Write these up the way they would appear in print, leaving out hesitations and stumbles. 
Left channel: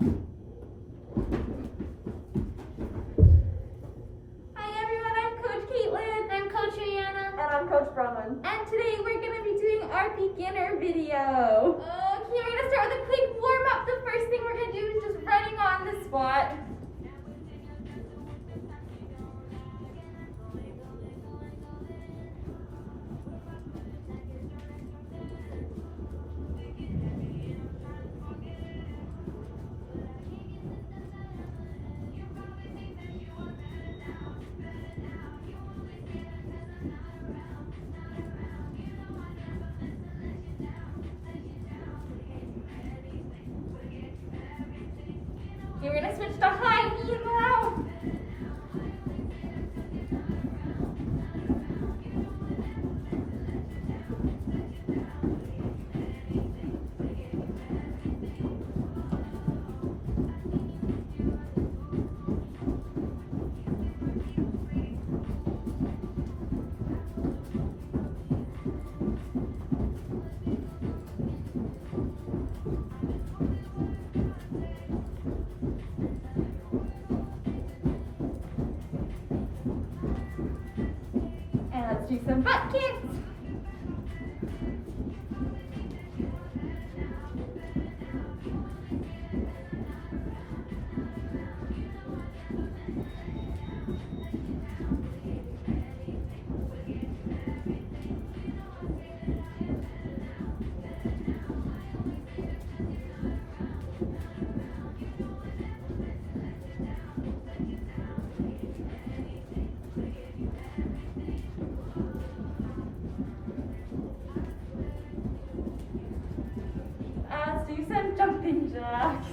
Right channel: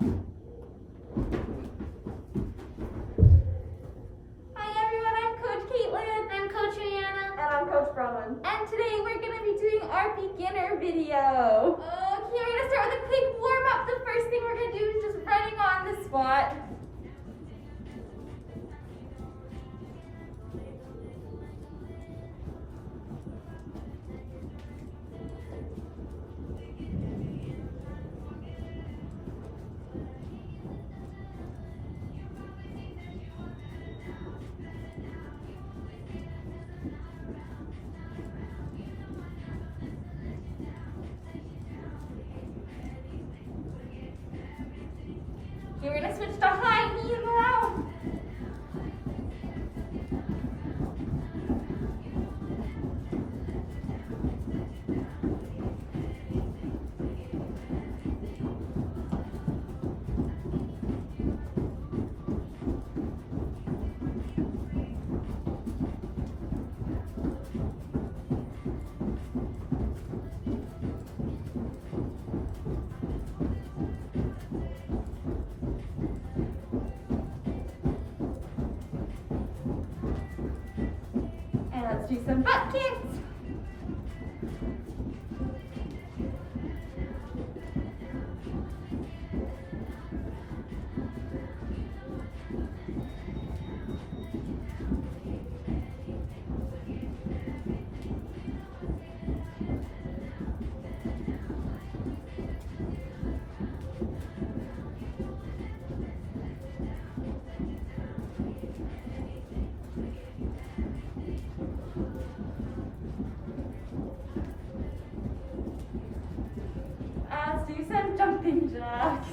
Hi everyone, I'm Coach Caitlin. I'm Coach Rihanna. And I'm Coach Bronwyn. And today we're going to be doing our beginner video. Okay, we're going to start with a quick warm up. The first thing we're going to do is just running on the spot. Okay, we're going to switch to high knee now. And let's do some butt kicks. Let's do some jumping jacks.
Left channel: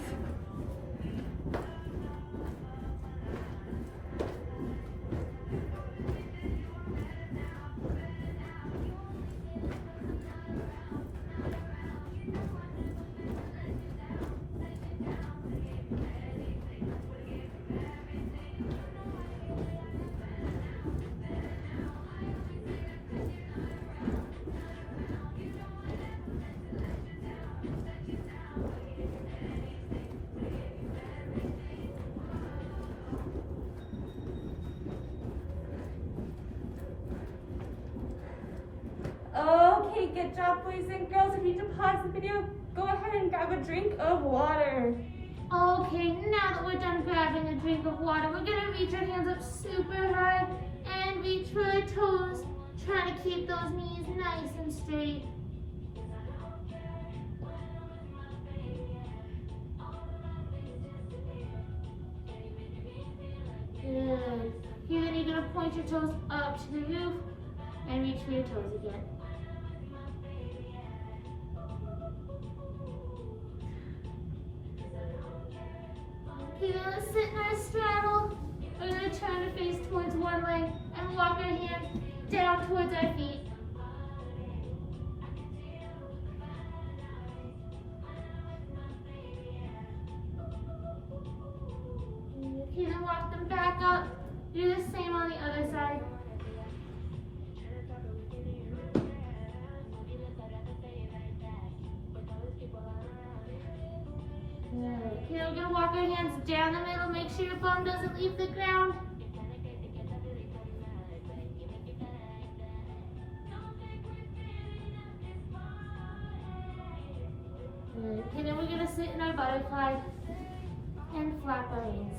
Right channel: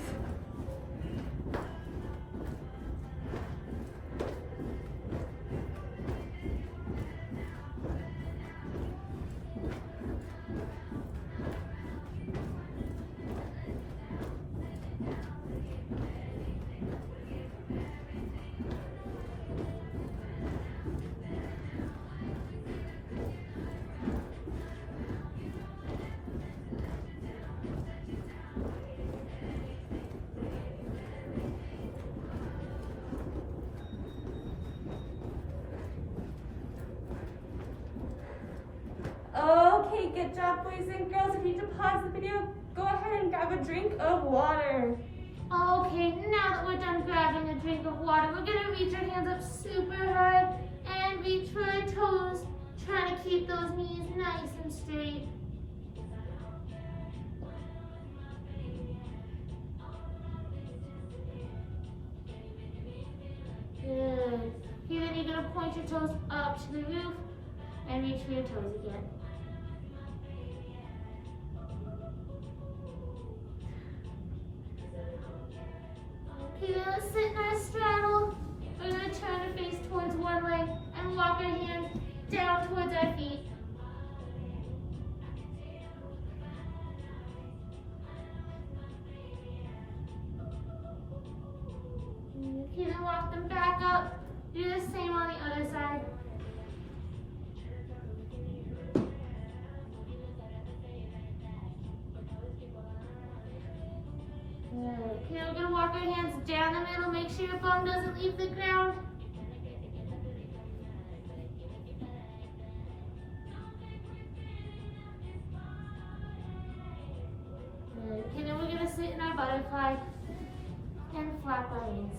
Okay, good job, boys and girls. If you need to pause the video, go ahead and grab a drink of water. Okay, now that we're done grabbing a drink of water, we're gonna reach our hands up super high and reach for our toes, trying to keep those knees nice and straight. Good. Here, then you're gonna point your toes up to the roof and reach for your toes again. Okay, then let's sit in our straddle. We're gonna turn our face towards one leg and walk our hands down towards our feet. Okay, then walk them back up. Do the same on the other side. Okay, we're gonna walk our hands down the middle. Make sure your bum doesn't leave the ground. Okay, then we're gonna sit in our butterfly and flap our wings.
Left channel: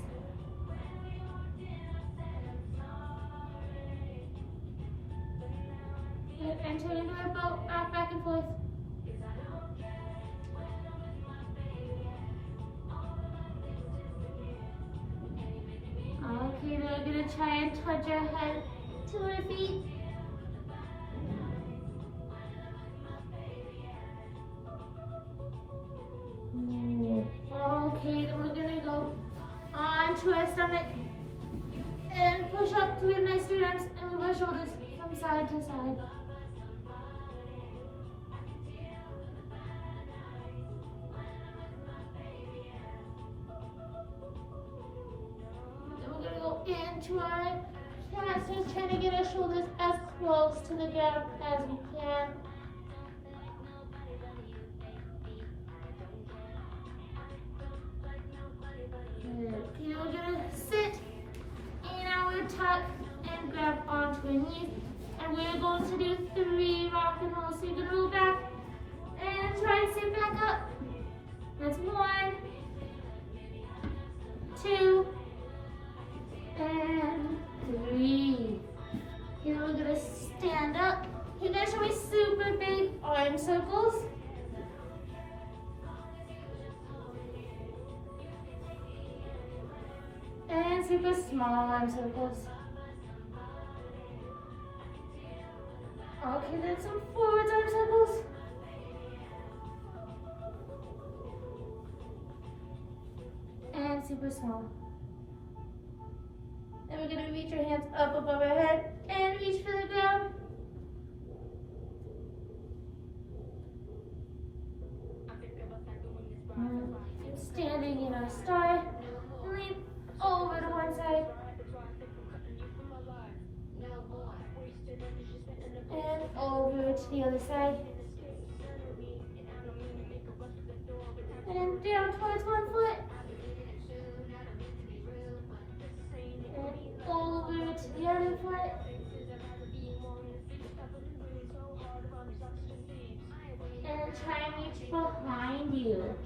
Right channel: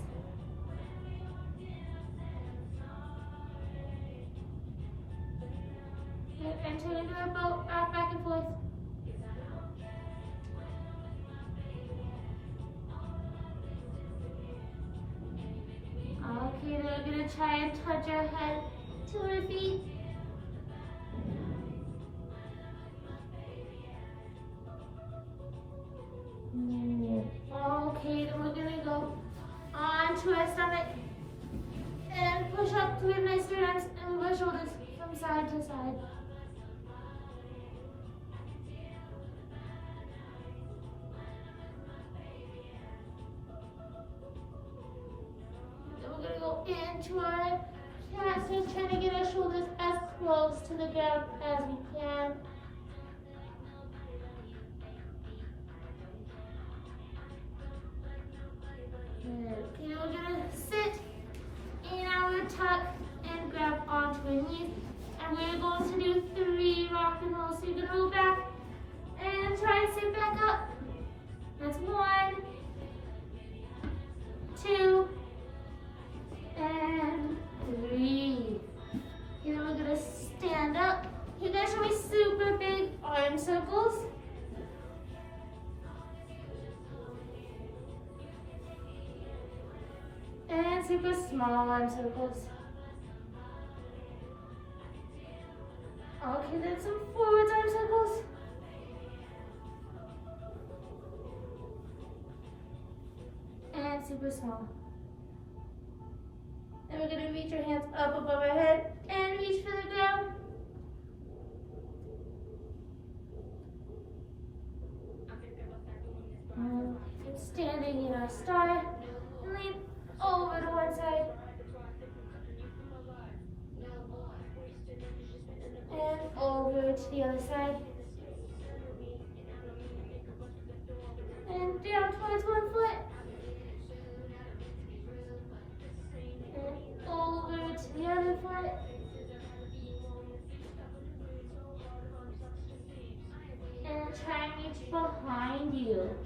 Good, and turn into our boat, rock back and forth. Okay, then we're gonna try and touch our head to our feet. Okay, then we're gonna go onto our stomach and push up to a nice straight arms and move our shoulders from side to side. Then we're gonna go into our casters, trying to get our shoulders as close to the ground as we can. gonna sit in our tuck and grab onto our knees. And we're going to do 3 rock and rolls. So you're gonna roll back and try and sit back up. That's 1, 2, and 3. And then we're gonna stand up. You guys show me super big arm circles. And super small arm circles. Okay, then some forward arm circles. And super small. And we're gonna reach our hands up above our head and reach for the ground. And standing in our star, and lean over to one side. And over to the other side. And down towards one foot. And over to the other foot. And try and reach behind you.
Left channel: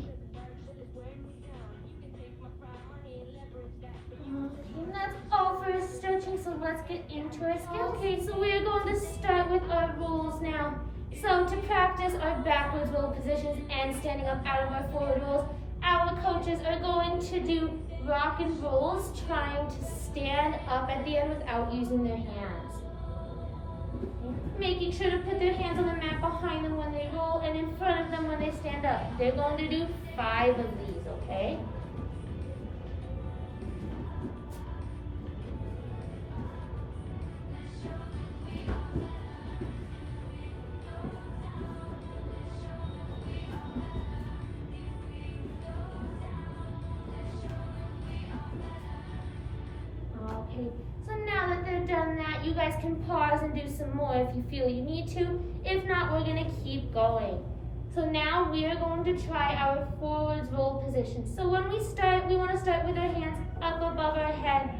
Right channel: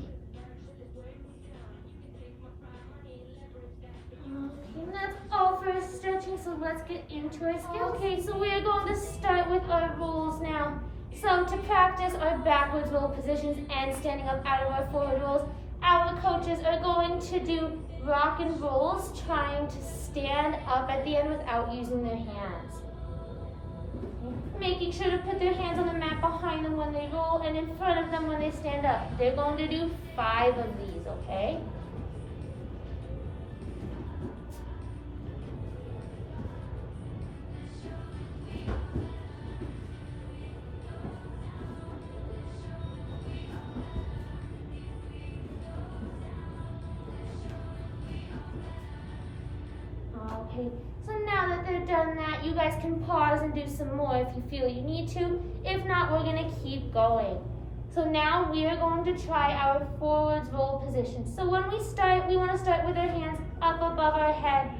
Okay, and that's all for stretching, so let's get into our skills. Okay, so we are going to start with our rolls now. So to practice our backwards roll positions and standing up out of our forward rolls, our coaches are going to do rock and rolls, trying to stand up at the end without using their hands. Making sure to put their hands on the mat behind them when they roll and in front of them when they stand up. They're going to do 5 of these, okay? Okay, so now that they're done that, you guys can pause and do some more if you feel you need to. If not, we're going to keep going. So now we are going to try our forwards roll position. So when we start, we want to start with our hands up above our head,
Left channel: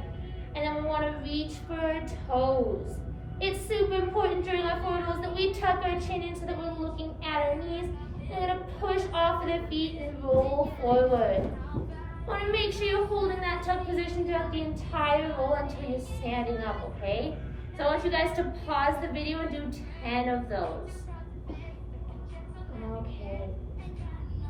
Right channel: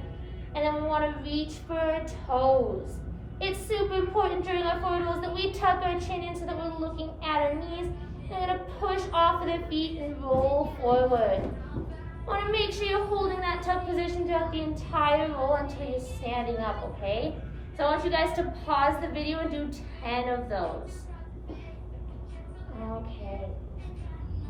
and then we want to reach for our toes. It's super important during our forward rolls that we tuck our chin in so that we're looking at our knees. We're going to push off of the feet and roll forward. Want to make sure you're holding that tuck position throughout the entire roll until you're standing up, okay? So I want you guys to pause the video and do 10 of those. Okay.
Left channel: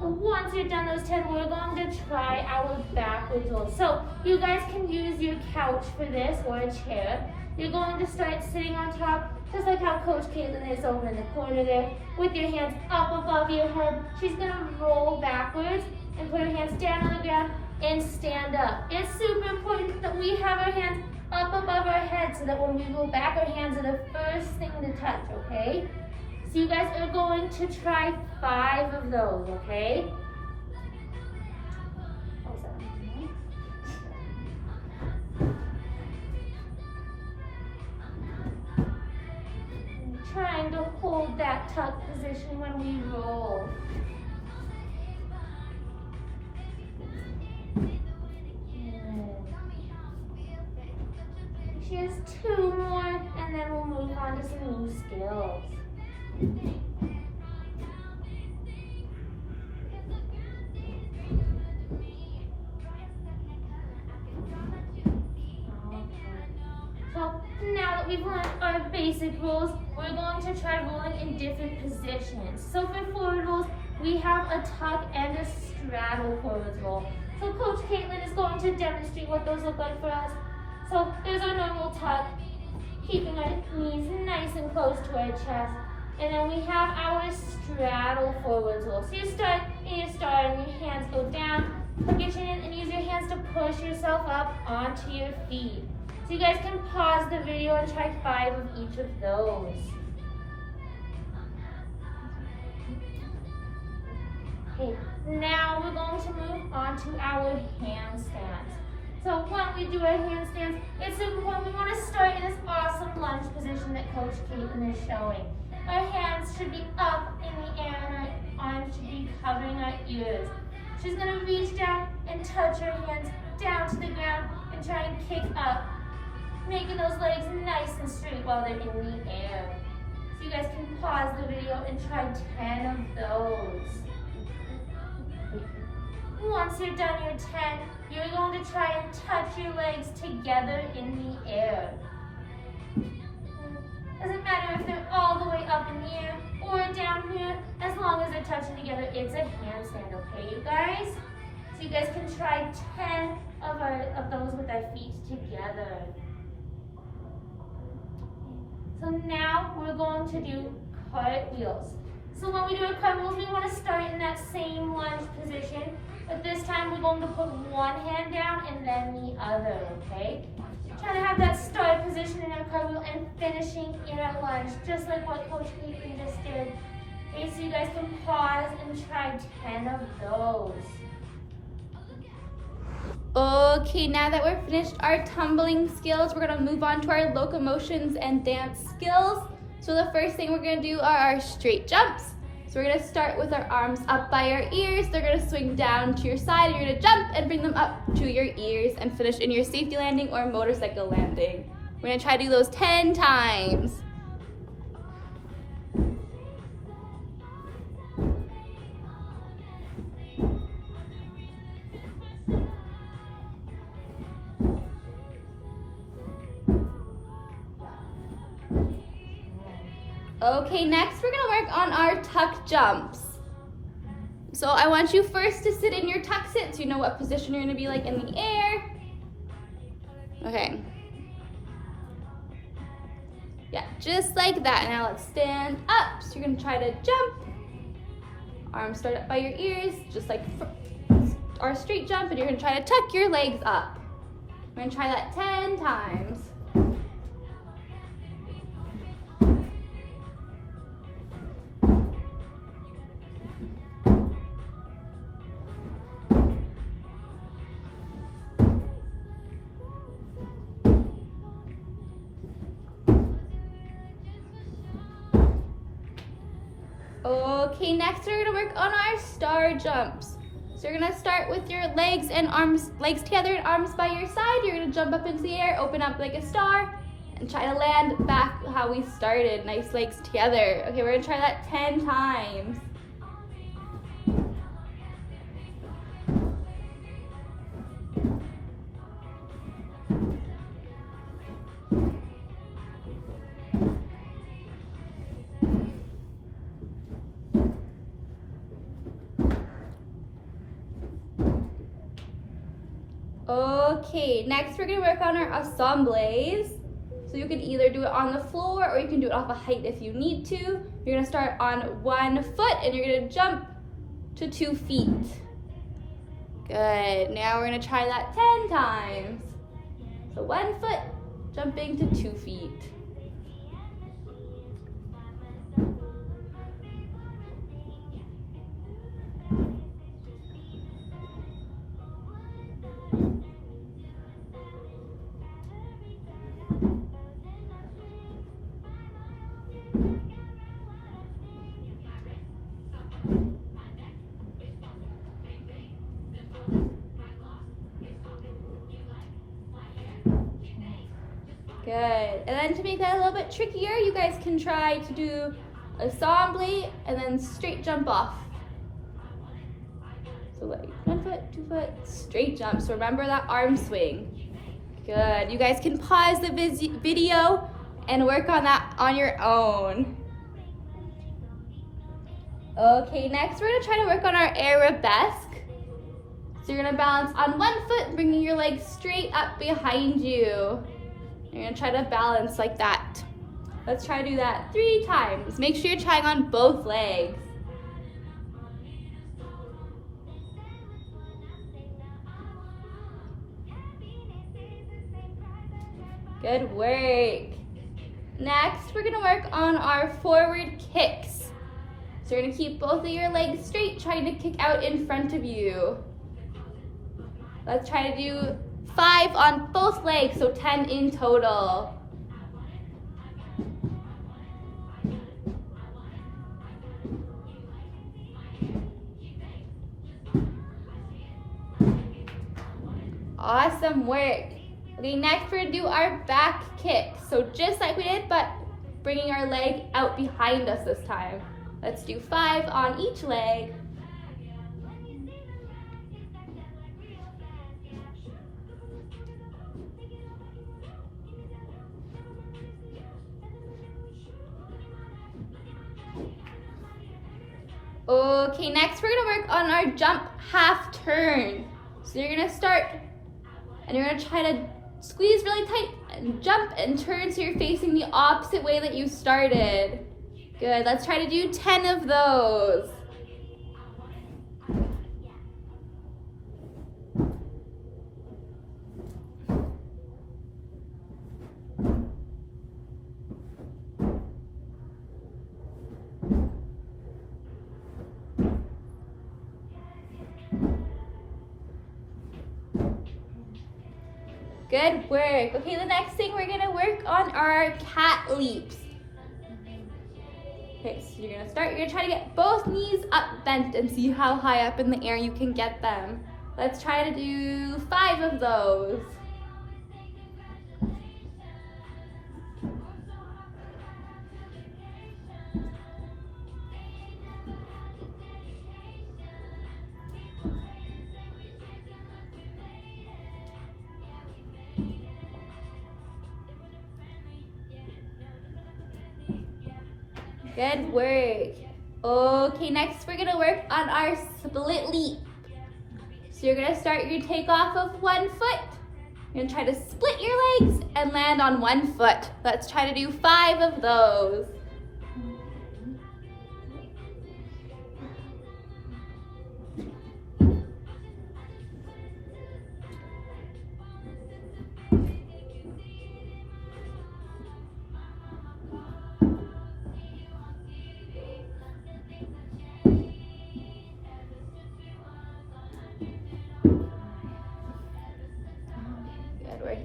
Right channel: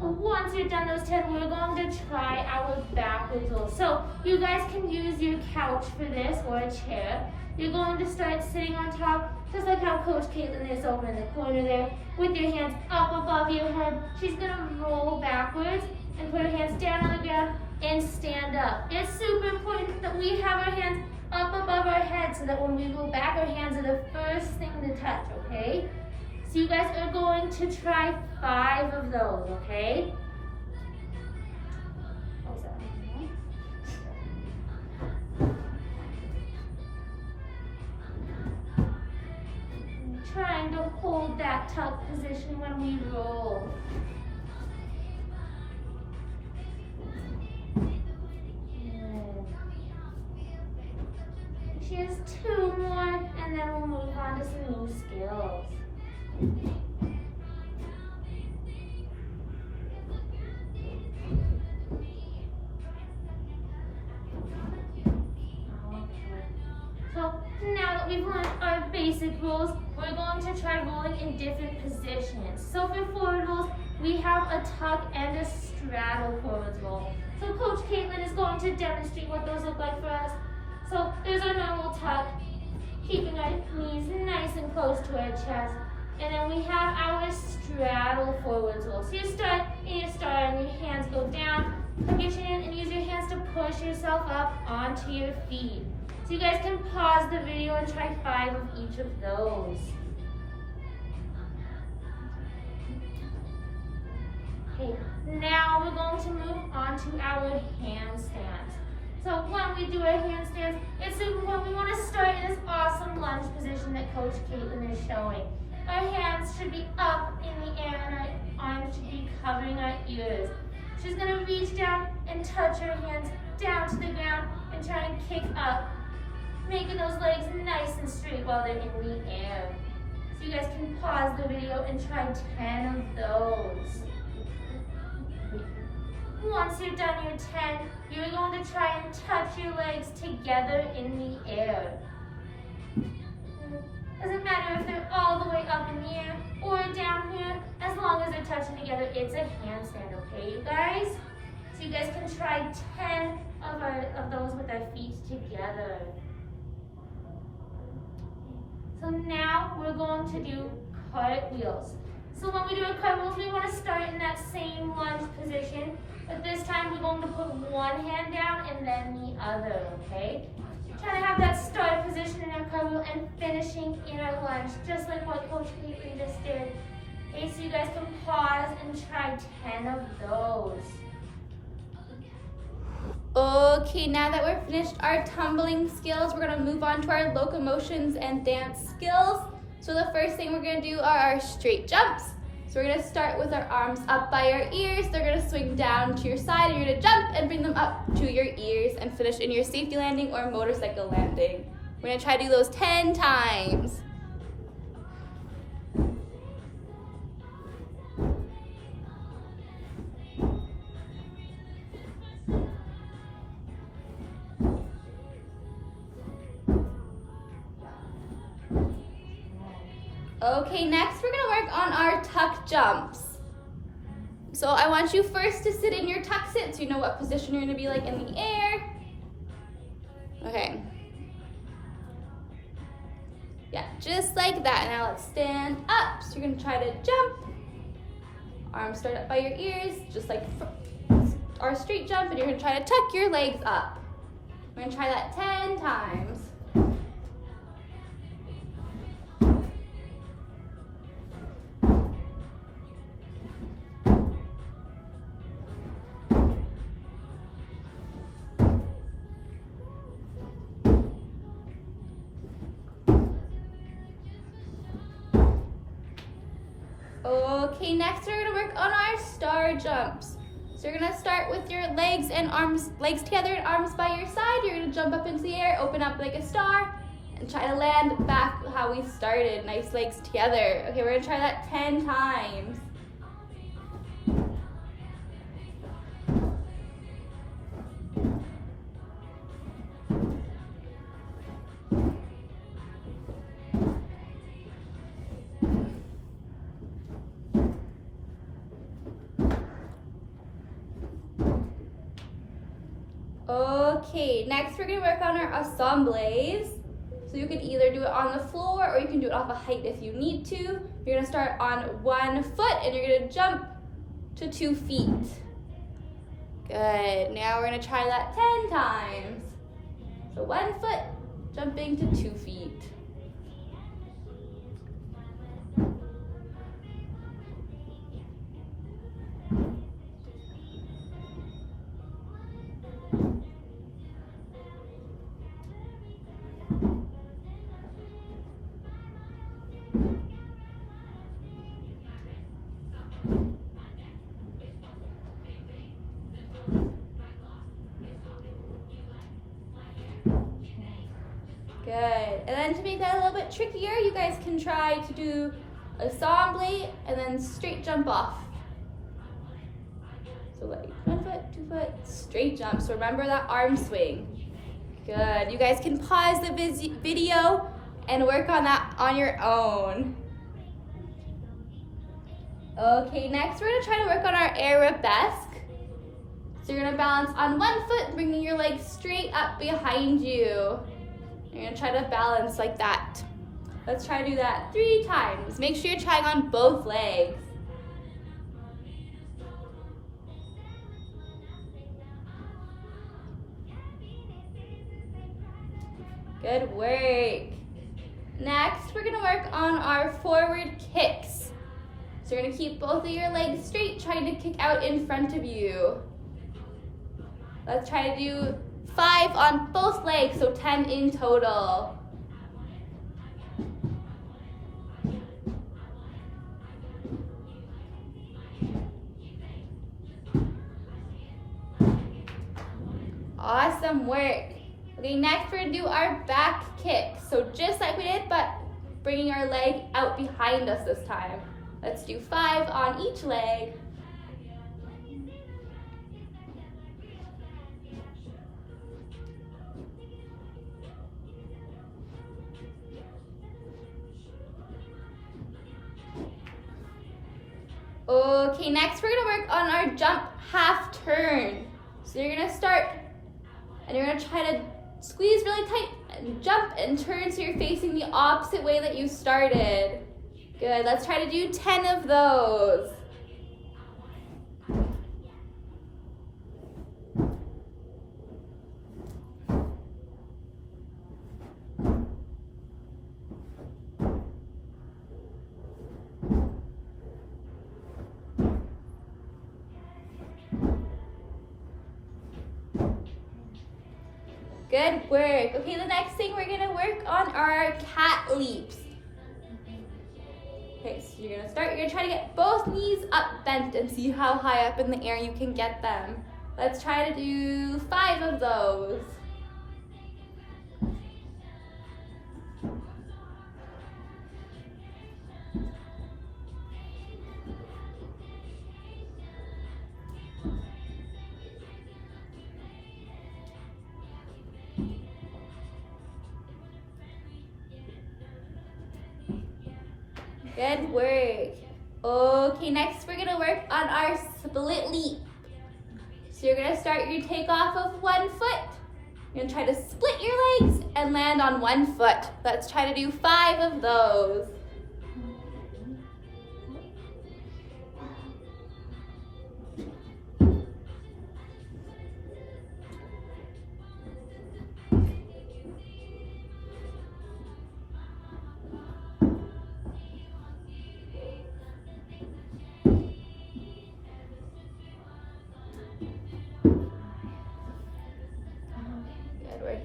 Once you're done those 10, we're going to try our backwards roll. So you guys can use your couch for this or a chair. You're going to start sitting on top, just like how Coach Caitlin is over in the corner there, with your hands up above your head. She's going to roll backwards and put her hands down on the ground and stand up. It's super important that we have our hands up above our head so that when we go back, our hands are the first thing to touch, okay? So you guys are going to try 5 of those, okay? And trying to hold that tuck position when we roll. She has 2 more, and then we'll move on to some new skills. So now that we've learned our basic rolls, we're going to try rolling in different positions. So for forward rolls, we have a tuck and a straddle forward roll. So Coach Caitlin is going to demonstrate what those look like for us. So there's our normal tuck, keeping our knees nice and close to our chest. And then we have our straddle forwards roll. So you start in your star and your hands go down, tuck your chin and use your hands to push yourself up onto your feet. So you guys can pause the video and try 5 of each of those. Okay, now we're going to move on to our handstands. So when we do our handstands, it's super important. We want to start in this awesome lunge position that Coach Caitlin is showing. Our hands should be up in the air and our arms should be covering our ears. She's going to reach down and touch her hands down to the ground and try and kick up, making those legs nice and straight while they're in the air. So you guys can pause the video and try 10 of those. Once you're done your 10, you're going to try and touch your legs together in the air. Doesn't matter if they're all the way up in the air or down here, as long as they're touching together, it's a handstand, okay, you guys? So you guys can try 10 of those with our feet together. So now we're going to do cartwheels. So when we do our cartwheels, we want to start in that same lunge position, but this time we're going to put one hand down and then the other, okay? Trying to have that start position in our cartwheel and finishing in our lunge, just like what Coach Caitlin just did. Okay, so you guys can pause and try 10 of those. Okay, now that we're finished our tumbling skills, we're gonna move on to our locomotions and dance skills. So the first thing we're gonna do are our straight jumps. So we're gonna start with our arms up by our ears. They're gonna swing down to your side. You're gonna jump and bring them up to your ears and finish in your safety landing or motorcycle landing. We're gonna try to do those 10 times. Okay, next we're gonna work on our tuck jumps. So I want you first to sit in your tuck sit so you know what position you're gonna be like in the air. Okay. Yeah, just like that. Now let's stand up. So you're gonna try to jump. Arms start up by your ears, just like our straight jump, and you're gonna try to tuck your legs up. We're gonna try that 10 times. Okay, next we're gonna work on our star jumps. So you're gonna start with your legs and arms, legs together and arms by your side. You're gonna jump up into the air, open up like a star, and try to land back how we started, nice legs together. Okay, we're gonna try that 10 times. Okay, next we're gonna work on our assemblées. So you can either do it on the floor or you can do it off a height if you need to. You're gonna start on 1 foot and you're gonna jump to 2 feet. Good, now we're gonna try that 10 times. So 1 foot, jumping to 2 feet. Good. And then to make that a little bit trickier, you guys can try to do assembly and then straight jump off. So like 1 foot, 2 foot, straight jump. So remember that arm swing. Good. You guys can pause the video and work on that on your own. Okay, next we're gonna try to work on our arabesque. So you're gonna balance on 1 foot, bringing your legs straight up behind you. You're gonna try to balance like that. Let's try to do that 3 times. Make sure you're trying on both legs. Good work. Next, we're gonna work on our forward kicks. So you're gonna keep both of your legs straight, trying to kick out in front of you. Let's try to do 5 on both legs, so 10 in total. Awesome work. Okay, next we're gonna do our back kick. So just like we did, but bringing our leg out behind us this time. Let's do 5 on each leg. Okay, next we're gonna work on our jump half turn. So you're gonna start and you're gonna try to squeeze really tight and jump and turn so you're facing the opposite way that you started. Good, let's try to do 10 of those. Good work. Okay, the next thing we're gonna work on are our cat leaps. Okay, so you're gonna try to get both knees up bent and see how high up in the air you can get them. Let's try to do 5 of those. Good work. Okay, next we're gonna work on our split leap. So you're gonna start your takeoff of one foot. You're gonna try to split your legs and land on one foot. Let's try to do 5 of those.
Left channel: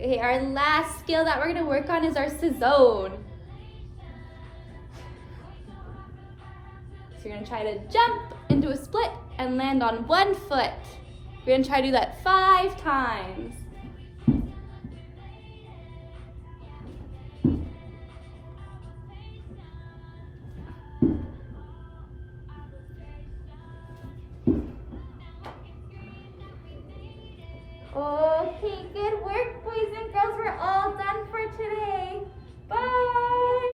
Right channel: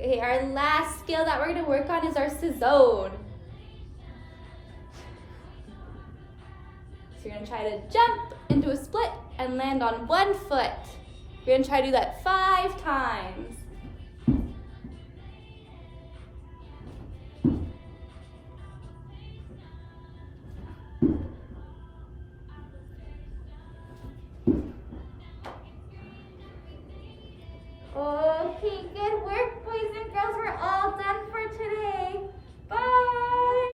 Okay, our last skill that we're gonna work on is our Cezone. So you're gonna try to jump into a split and land on one foot. You're gonna try to do that 5 times.